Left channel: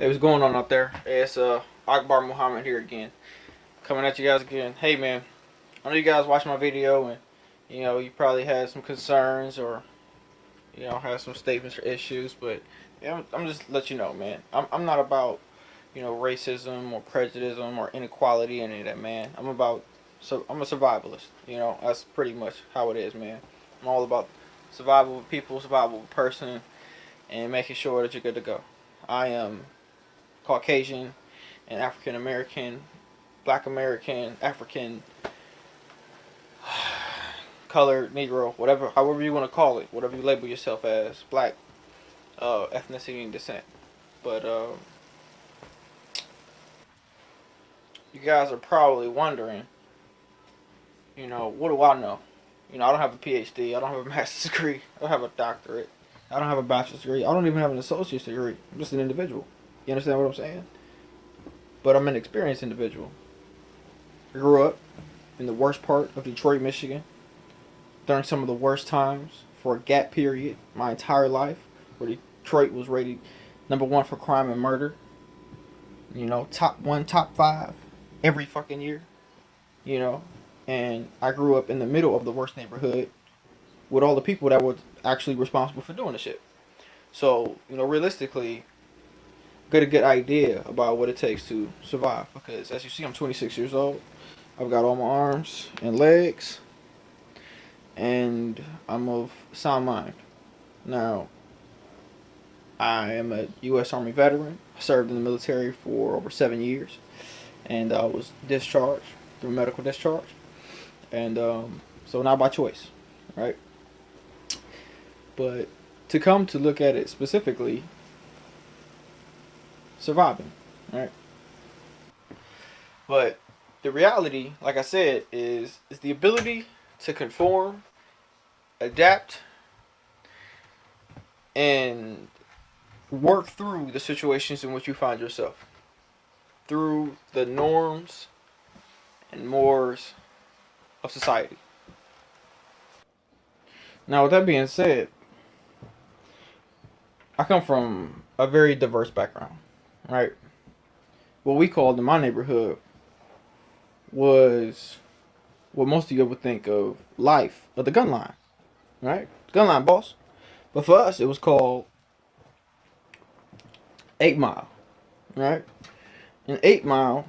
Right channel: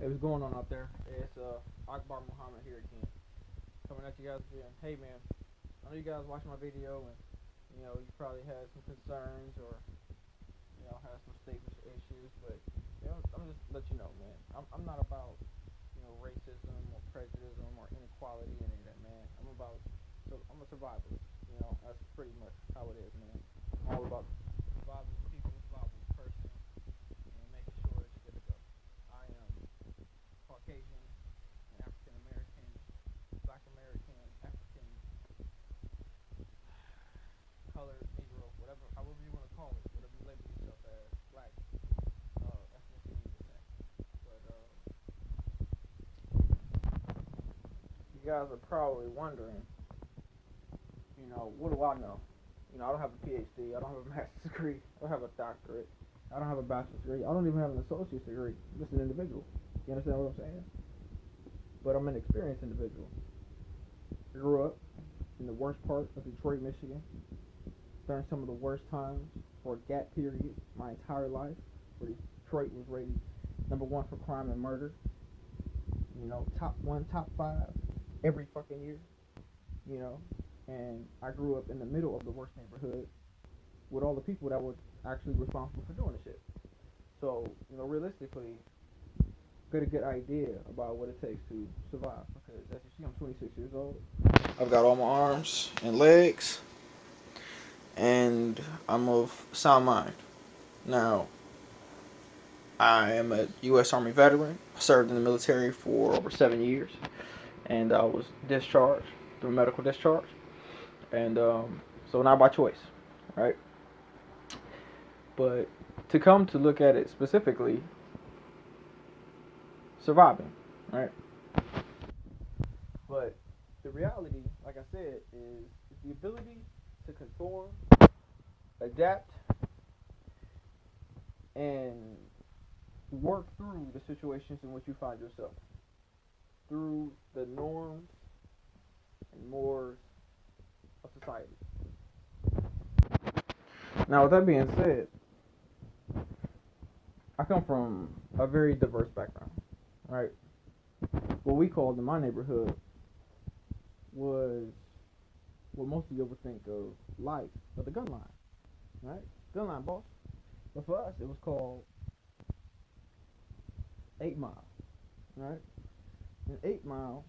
Hey, what's going on out there? Hey, it's Akbar Muhammad here again, coming at you guys again. Hey man, I know you guys watched my video and you probably had some concerns or had some statements or issues, but I'm just let you know, man. I'm not about racism or prejudice or inequality and any of that, man. I'm a survivalist. That's pretty much how it is, man. I'm all about survival of people, survival of a person, and making sure that you're good to go. I am Caucasian and African American, Black American, African, colored, Negro, whatever, however you want to call it, whatever you label yourself as, Black, ethnicity and descent. But you guys are probably wondering, what do I know? I don't have a PhD. I don't have a master's degree. I don't have a doctorate. I don't have a bachelor's degree. I don't even have an associate's degree. I'm just an individual. You understand what I'm saying? But I'm an experienced individual. I grew up in the worst part of Detroit, Michigan, during some of the worst times for a gap period my entire life, where Detroit was rated number one for crime and murder. Top one, top five every fucking year. You know, and I grew up in the middle of the worst neighborhood with all the people that were actually responsible for doing the shit. So, realistically, get a good idea about what it takes to survive. Because as you see, I'm 26 years old. I've got all my arms and legs, and I'm of sound mind. Now, I am a U.S. Army veteran. I served in the military for over 7 years, and I was discharged through medical discharge. And so not by choice, right? But to come to look at it specifically, surviving, right? But the reality, like I said, is the ability to conform, adapt, and work through the situations in which you find yourself, through the norms and mores of society. Now, with that being said, I come from a very diverse background, right? What we called in my neighborhood was what most of you would think of life, or the gun line, right? Gun line, boss. But for us, it was called 8 Mile, right? And 8 Mile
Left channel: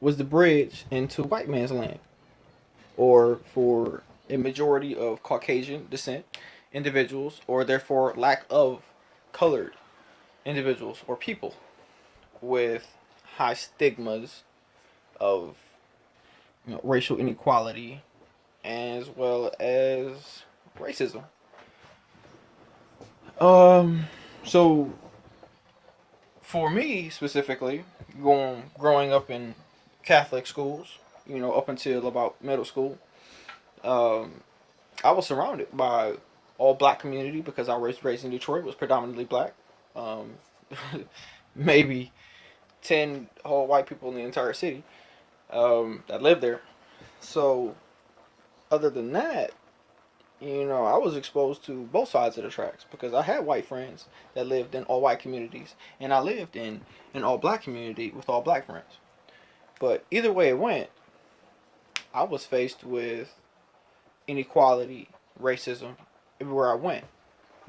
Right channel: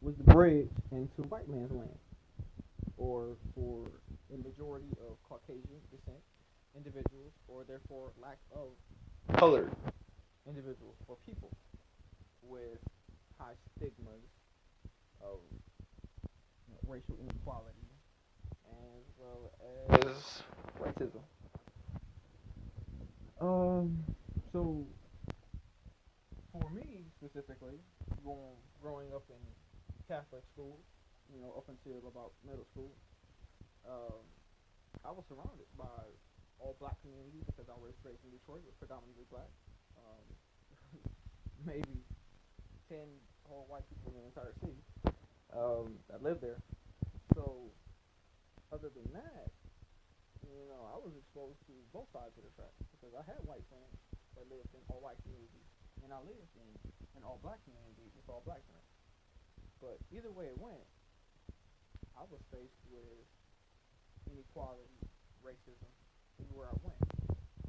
was the bridge into white man's land, or for a majority of Caucasian descent individuals, or therefore lack of colored individuals or people with high stigmas of racial inequality as well as racism. Um, so for me specifically, growing up in Catholic schools, up until about middle school, um, I was surrounded by all black community because I was raised in Detroit, was predominantly black. Um, maybe 10 whole white people in the entire city that lived there. So other than that, I was exposed to both sides of the tracks because I had white friends that lived in all white communities, and I lived in an all black community with all black friends. But either way it went, I was faced with inequality, racism everywhere I went.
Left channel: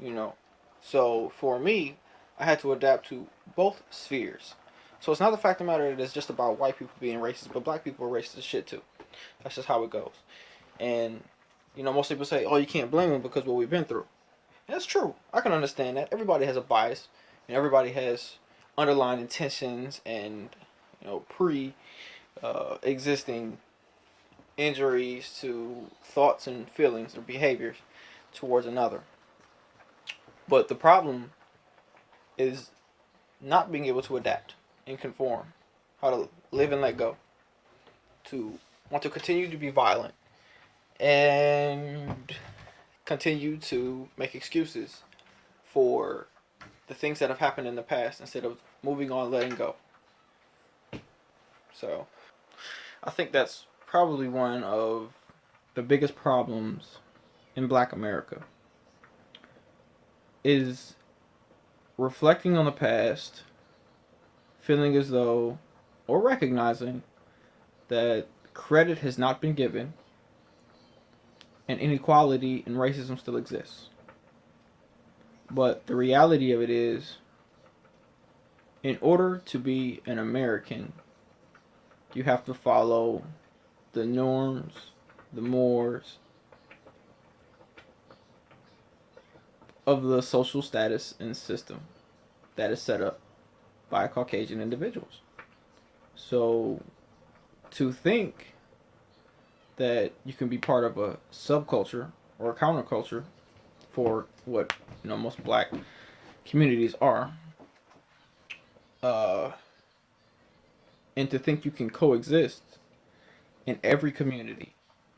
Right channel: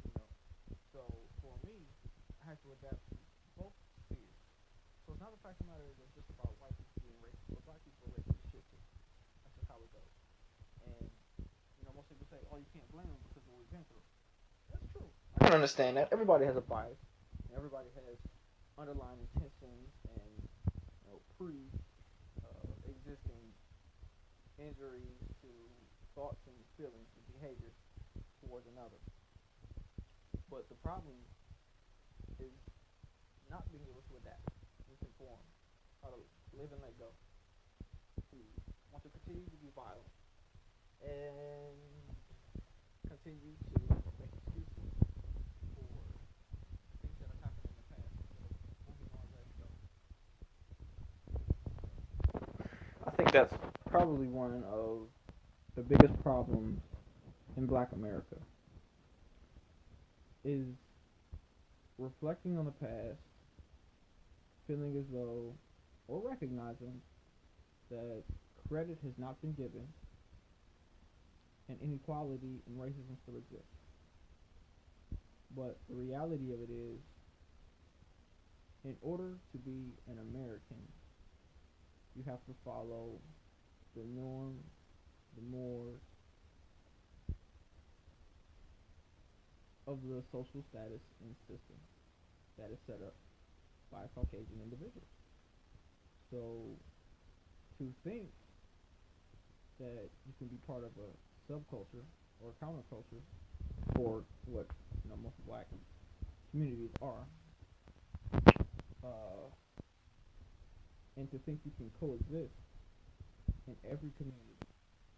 You know, so for me, I had to adapt to both spheres. So it's not the fact of the matter that it's just about white people being racist, but black people are racist as shit too. That's just how it goes. And most people say, "Oh, you can't blame them because of what we've been through." And that's true. I can understand that. Everybody has a bias, and everybody has underlying intentions and pre existing injuries to thoughts and feelings or behaviors towards another. But the problem is not being able to adapt and conform, how to live and let go, to want to continue to be violent and continue to make excuses for the things that have happened in the past instead of moving on, letting go. So I think that's probably one of the biggest problems in Black America is reflecting on the past feeling as though, or recognizing that credit has not been given and inequality and racism still exists. But the reality of it is, in order to be an American, you have to follow the norms, the mores of the social status and system that is set up by Caucasian individuals. So to think that you can be part of a subculture or a counterculture for what most black communities are, uh, and to think you can coexist in every community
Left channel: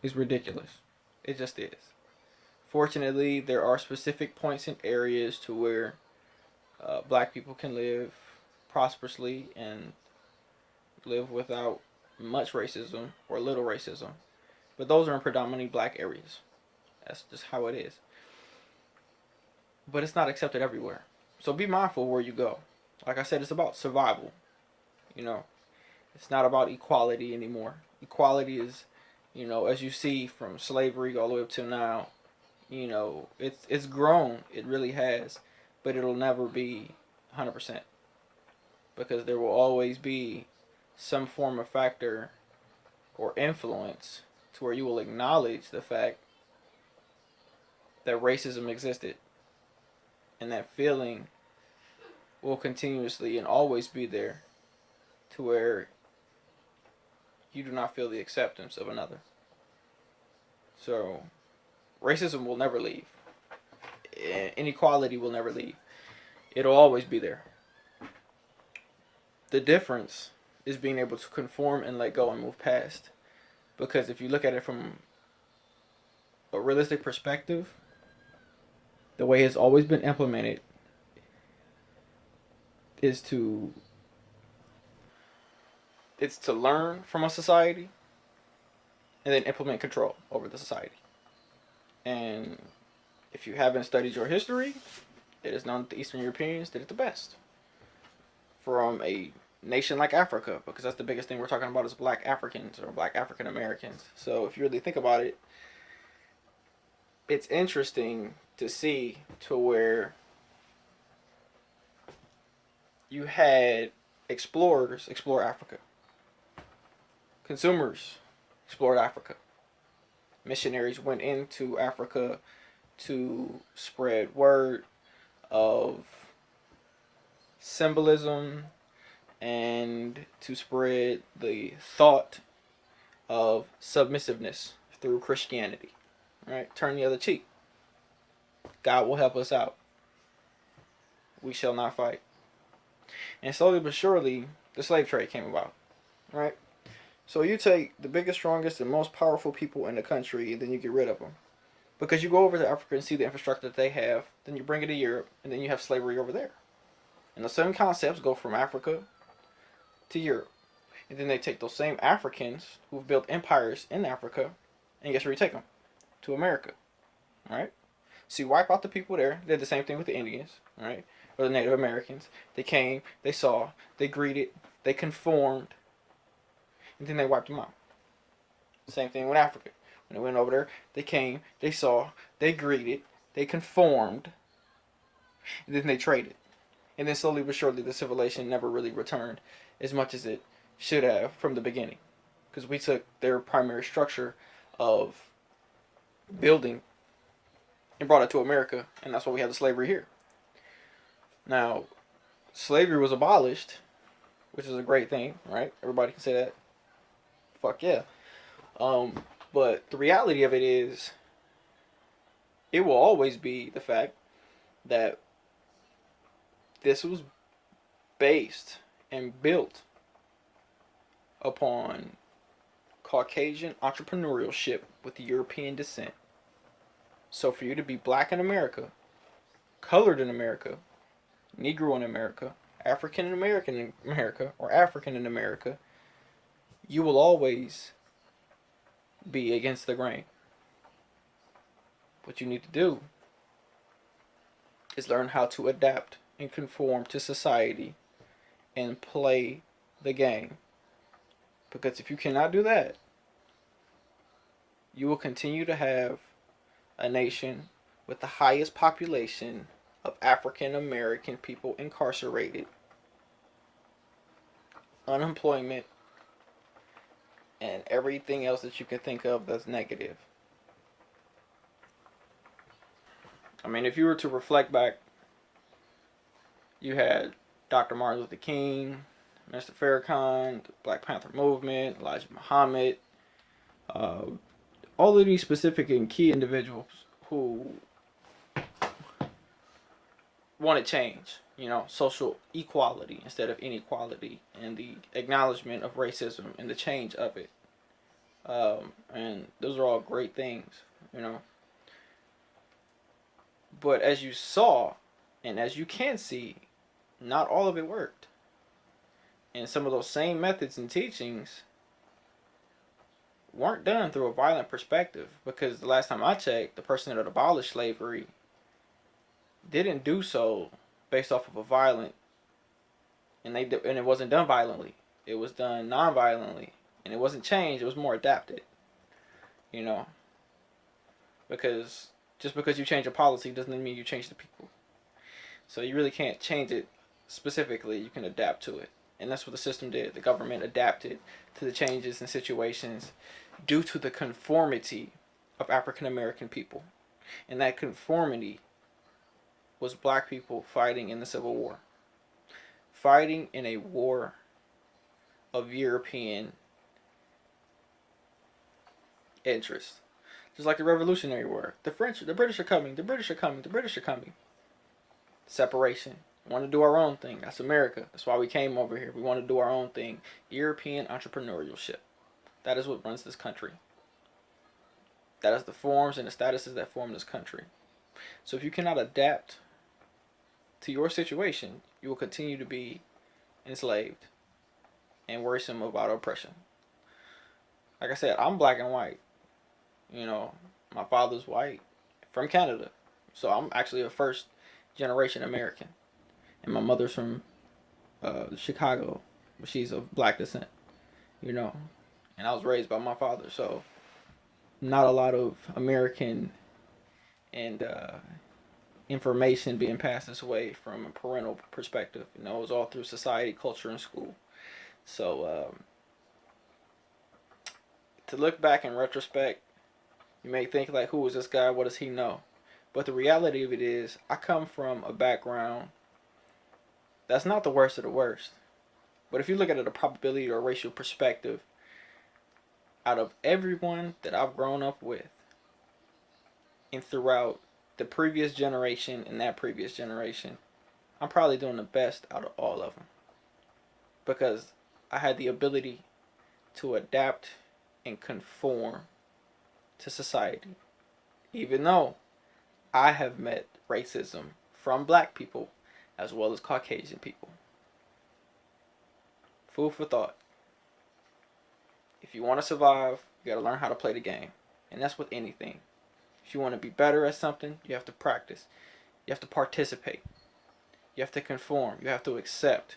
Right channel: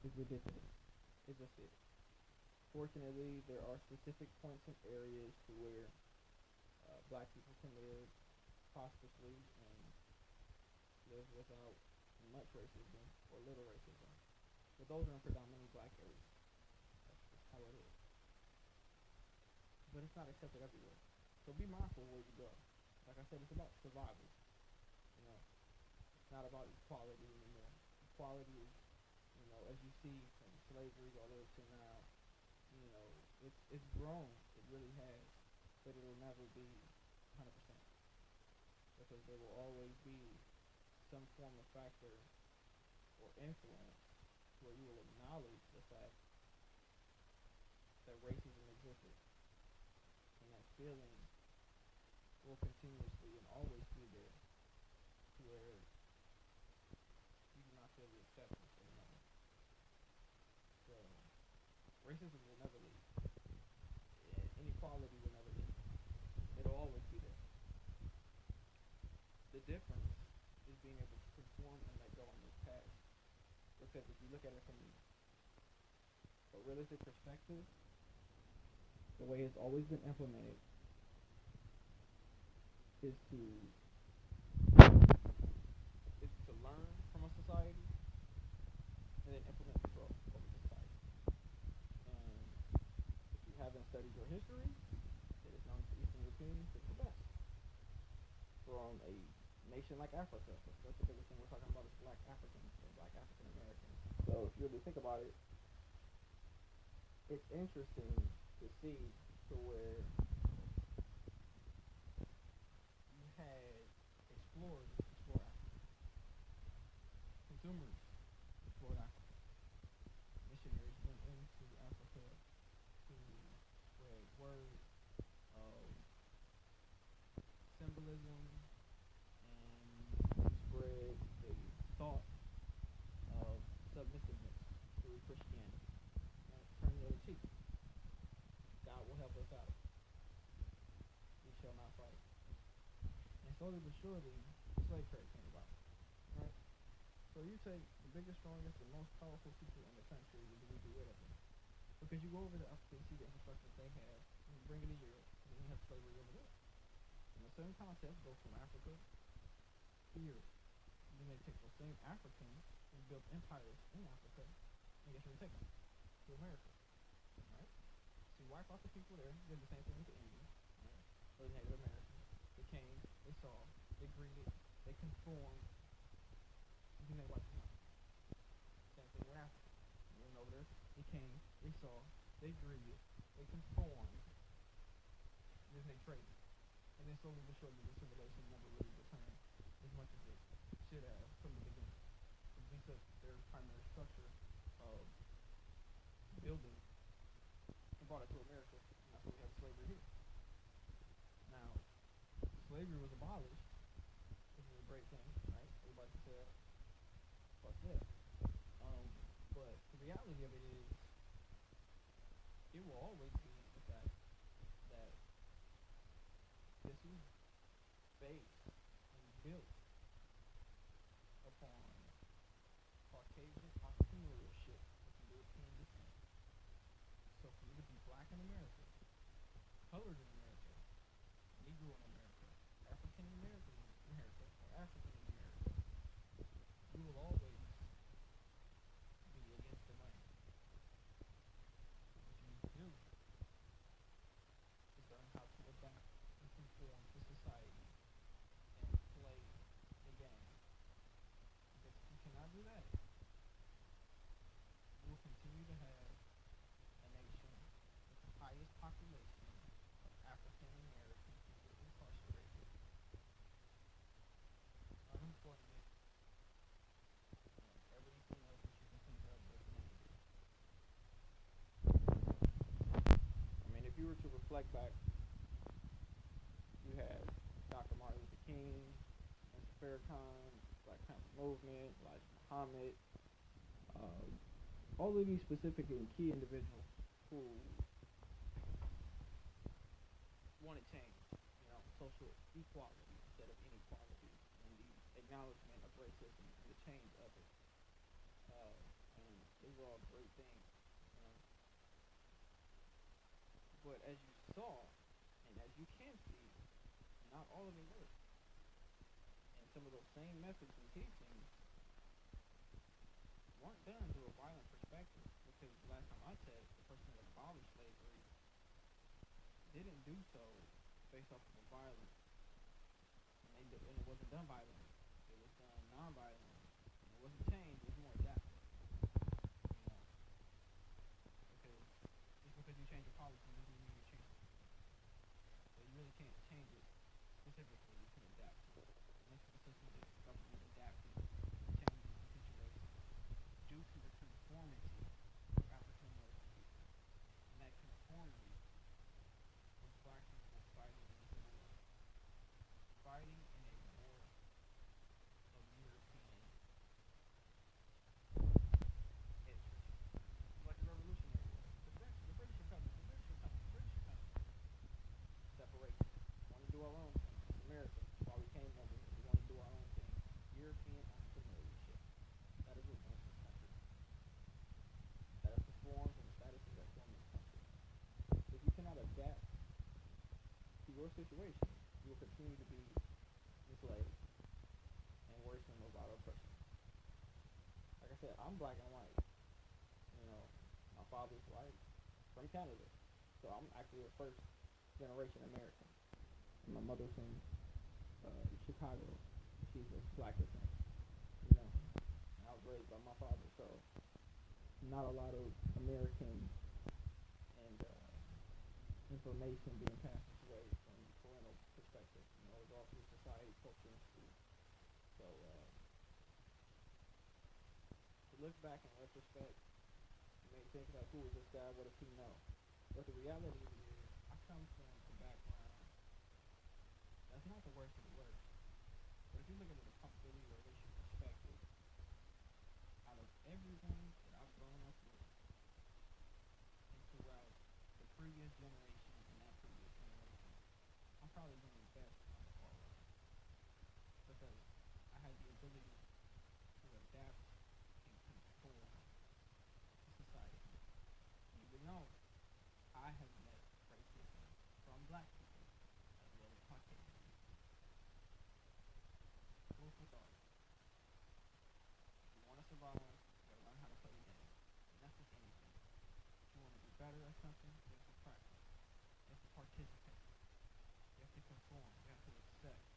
is ridiculous. It just is. Fortunately, there are specific points and areas to where black people can live prosperously and live without much racism or little racism. But those are in predominantly black areas. That's just how it is. But it's not accepted everywhere. So be mindful where you go. Like I said, it's about survival. You know, it's not about equality anymore. Equality is, as you see from slavery all the way up to now, it's grown. It really has, but it'll never be 100% because there will always be some form of factor or influence to where you will acknowledge the fact that racism existed, and that feeling will continuously and always be there to where you do not feel the acceptance of another. So racism will never leave. Inequality will never leave. It'll always be there. The difference is being able to conform and let go and move past. Because if you look at it from a realistic perspective, the way it's always been implemented is to learn from a society and then implement control over the society. And if you haven't studied your history, it is known that the Eastern Europeans did it the best. From a nation like Africa, because that's the biggest thing we're talking about is black Africans or black African Americans. So if you really think about it, it's interesting to see to where you had explorers explore Africa. Consumers explored Africa. Missionaries went into Africa to spread word of symbolism and to spread the thought of submissiveness through Christianity. Right? Turn the other cheek. God will help us out. We shall not fight. And slowly but surely, the slave trade came about. Right? So you take the biggest, strongest, and most powerful people in the country, and then you get rid of them. Because you go over to Africa and see the infrastructure that they have, then you bring it to Europe, and then you have slavery over there. And the same concepts go from Africa to Europe. And then they take those same Africans who've built empires in Africa, and guess where you take them? To America. Right? So you wipe out the people there. They did the same thing with the Indians, right? Or the Native Americans. They came, they saw, they greeted, they conformed, and then they wiped them out. Same thing with Africa. When they went over there, they came, they saw, they greeted, they conformed, and then they traded. And then slowly but surely, the civilization never really returned as much as it should have from the beginning. Because we took their primary structure of building and brought it to America, and that's why we have the slavery here. Now, slavery was abolished, which is a great thing, right? Everybody can say that. Fuck yeah. But the reality of it is, it will always be the fact that this was based and built upon Caucasian entrepreneurship with European descent. So for you to be black in America, colored in America, Negro in America, African American in America, or African in America, you will always be against the grain. What you need to do is learn how to adapt and conform to society and play the game. Because if you cannot do that, you will continue to have a nation with the highest population of African American people incarcerated, unemployment, and everything else that you can think of that's negative. I mean, if you were to reflect back, you had Dr. Martin Luther King, Mr. Farrakhan, the Black Panther movement, Elijah Muhammad, uh, all of these specific and key individuals who wanted change, social equality instead of inequality, and the acknowledgement of racism and the change of it. And those are all great things, you know. But as you saw, and as you can see, not all of it worked. And some of those same methods and teachings weren't done through a violent perspective, because the last time I checked, the person that abolished slavery didn't do so based off of a violent, and it wasn't done violently. It was done non-violently, and it wasn't changed. It was more adapted, you know, because just because you change a policy doesn't mean you change the people. So you really can't change it specifically. You can adapt to it, and that's what the system did. The government adapted to the changes and situations due to the conformity of African American people, and that conformity was black people fighting in the Civil War, fighting in a war of European interest. Just like the Revolutionary War. The British are coming, the British are coming, the British are coming. Separation. We want to do our own thing. That's America. That's why we came over here. We want to do our own thing. European entrepreneurship. That is what runs this country. That is the forms and the statuses that form this country. So if you cannot adapt to your situation, you will continue to be enslaved and worrisome about oppression. Like I said, I'm black and white. My father's white from Canada. So I'm actually a first generation American. And my mother's from Chicago. She's of black descent, And I was raised by my father. So not a lot of American and information being passed this way from a parental perspective. It was all through society, culture, and school. So to look back in retrospect, you may think like, who is this guy? What does he know? But the reality of it is, I come from a background that's not the worst of the worst. But if you look at it, a probability or a racial perspective, out of everyone that I've grown up with, and throughout the previous generation and that previous generation, I'm probably doing the best out of all of them. Because I had the ability to adapt and conform to society. Even though I have met racism from black people as well as Caucasian people. Food for thought. If you want to survive, you got to learn how to play the game. And that's with anything. If you want to be better at something, you have to practice. You have to participate. You have to conform. You have to accept.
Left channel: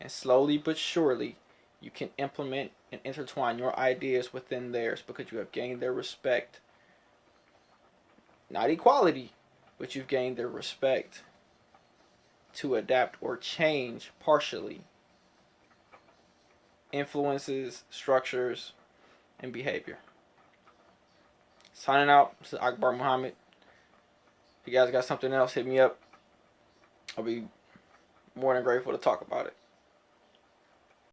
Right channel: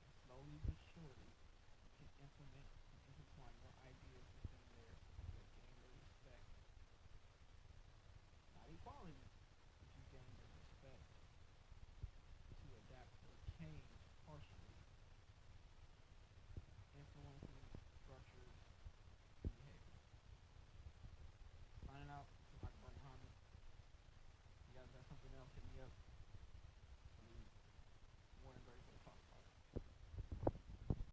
And slowly but surely, you can implement and intertwine your ideas within theirs, because you have gained their respect. Not equality, but you've gained their respect to adapt or change partially influences, structures, and behavior. Signing out, this is Akbar Muhammad. If you guys got something else, hit me up. I'll be more than grateful to talk about it.